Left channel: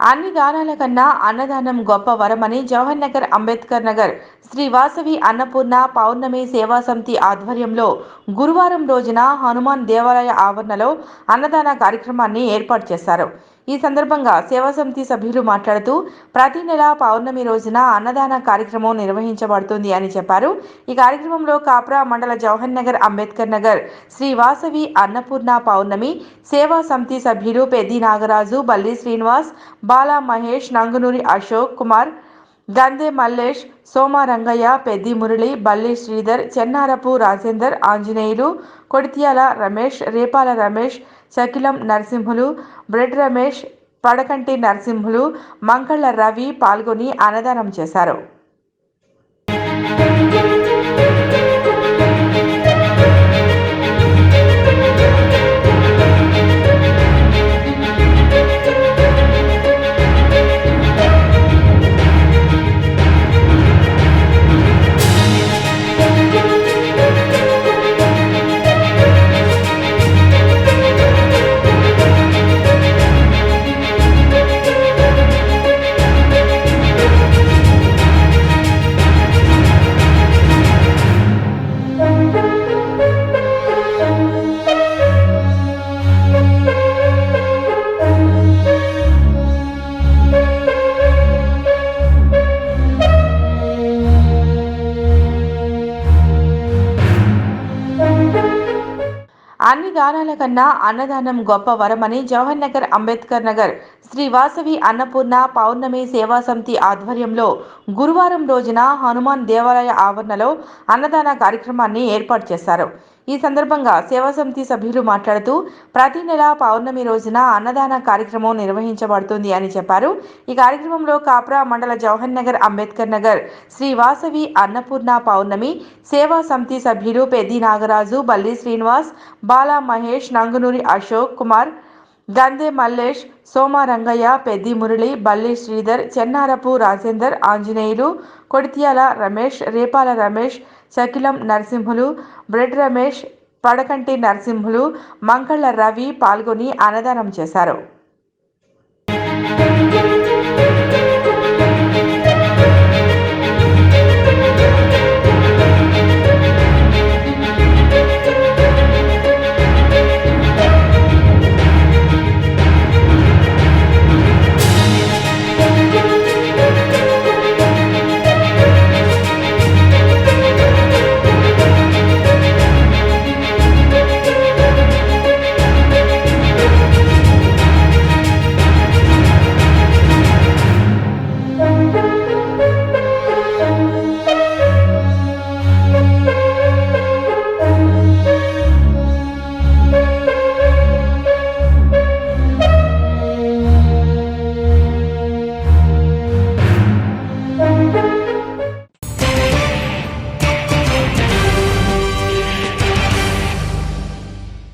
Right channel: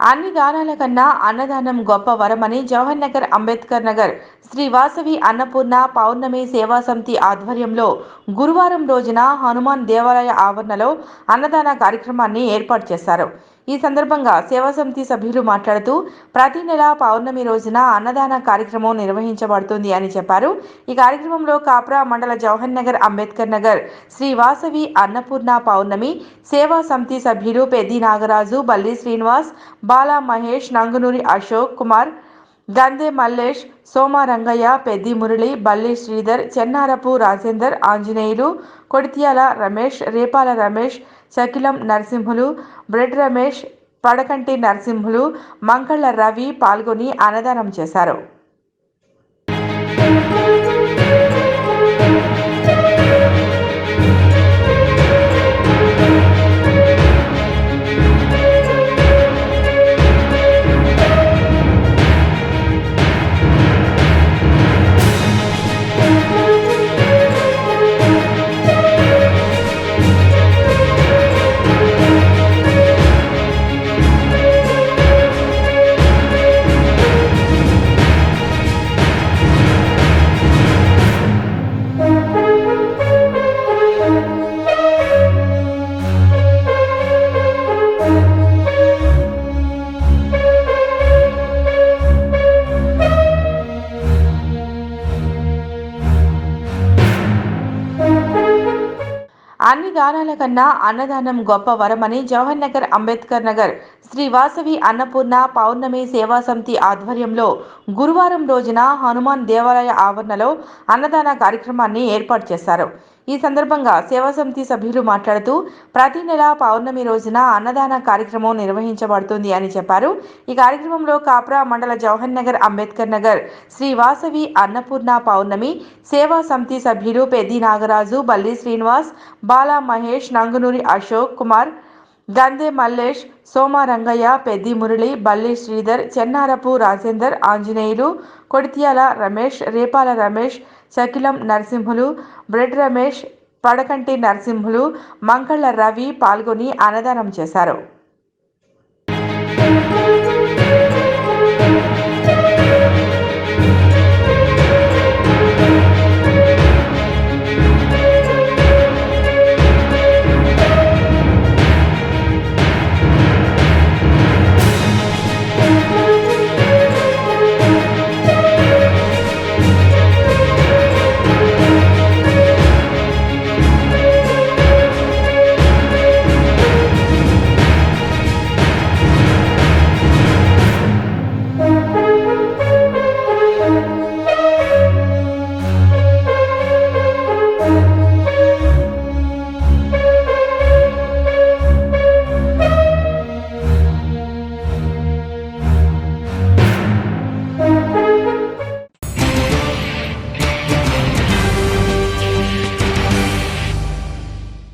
అన్ని దానాల కన్నా అన్నదానం గొప్ప వరమని జవహర్ నగర్ అంబేద్కర్ నగర్ శ్రీ వాసవి అన్నపూర్ణ పౌర్ణమి సేవా సమితి ఆధ్వర్యంలో గురువారం రోజున హనుమాన్ దేవాలయ ఆవరణలో అన్నదాన కార్యక్రమాన్ని ఏర్పాటు చేశారు. ఈ సందర్భంగా సేవా సమితి సభ్యులు మాట్లాడుతూ ప్రతి నెల పౌర్ణమి రోజున అన్నదాన కార్యక్రమం నిర్వహించబడుతుంది అని చెప్పారు. ఈ కార్యక్రమంలో కాప్రా మండల జవహర్ నగర్ అంబేద్కర్ నగర్ శ్రీవాసవి అన్నపూర్ణ పౌర్ణమి సేవా సమితి సభ్యులు పెద్ది నాగరాజు బల్లి శ్రీనివాస్ బాలా మహేష్ నంగునూరి అశోక్ కుమార్ గందే మల్లేష్ సోమ రంగయ్య పెద్ది మురళి బల్లి శ్రీధర్ చెన్నారపు రాజేందర్ ఆంజనేయులు కొడిత్యాల రమేష్ రేపాల రమేష్ చకిలం నరసింహులు బ్రెడ్ రమేష్ పడకంటి నరసింహులు మంకళ్ళ రవి పాల్గొని అన్నదానం చేశారు. అన్ని దానాల కన్నా అన్నదానం గొప్ప వరమని జవహర్ నగర్ అంబేద్కర్ నగర్ శ్రీ వాసవి అన్నపూర్ణ పౌర్ణమి సేవా సమితి ఆధ్వర్యంలో గురువారం రోజున హనుమాన్ దేవాలయ ఆవరణలో అన్నదాన కార్యక్రమాన్ని ఏర్పాటు చేశారు. ఈ సందర్భంగా సేవా సమితి సభ్యులు మాట్లాడుతూ ప్రతి నెల పౌర్ణమి రోజున అన్నదాన కార్యక్రమం నిర్వహించబడుతుంది అని చెప్పారు. ఈ కార్యక్రమంలో కాప్రా మండల జవహర్ నగర్ అంబేద్కర్ నగర్ శ్రీ వాసవి అన్నపూర్ణ పౌర్ణమి సేవా సమితి సభ్యులు పెద్ది నాగరాజు బల్లి శ్రీనివాస్ బాలా మహేష్ నంగునూరి అశోక్ కుమార్ గందే మల్లేష్ సోమ రంగయ్య పెద్ది మురళి బల్లి శ్రీధర్ చెన్నారపు రాజేందర్ ఆంజనేయులు కొడిత్యాల రమేష్ రేపాల రమేష్ శకిలం నరసింహులు బ్రెడ్ రమేష్ పడకంటి నరసింహులు మంకళ్ళ రవి పాల్గొని అన్నదానం చేశారు.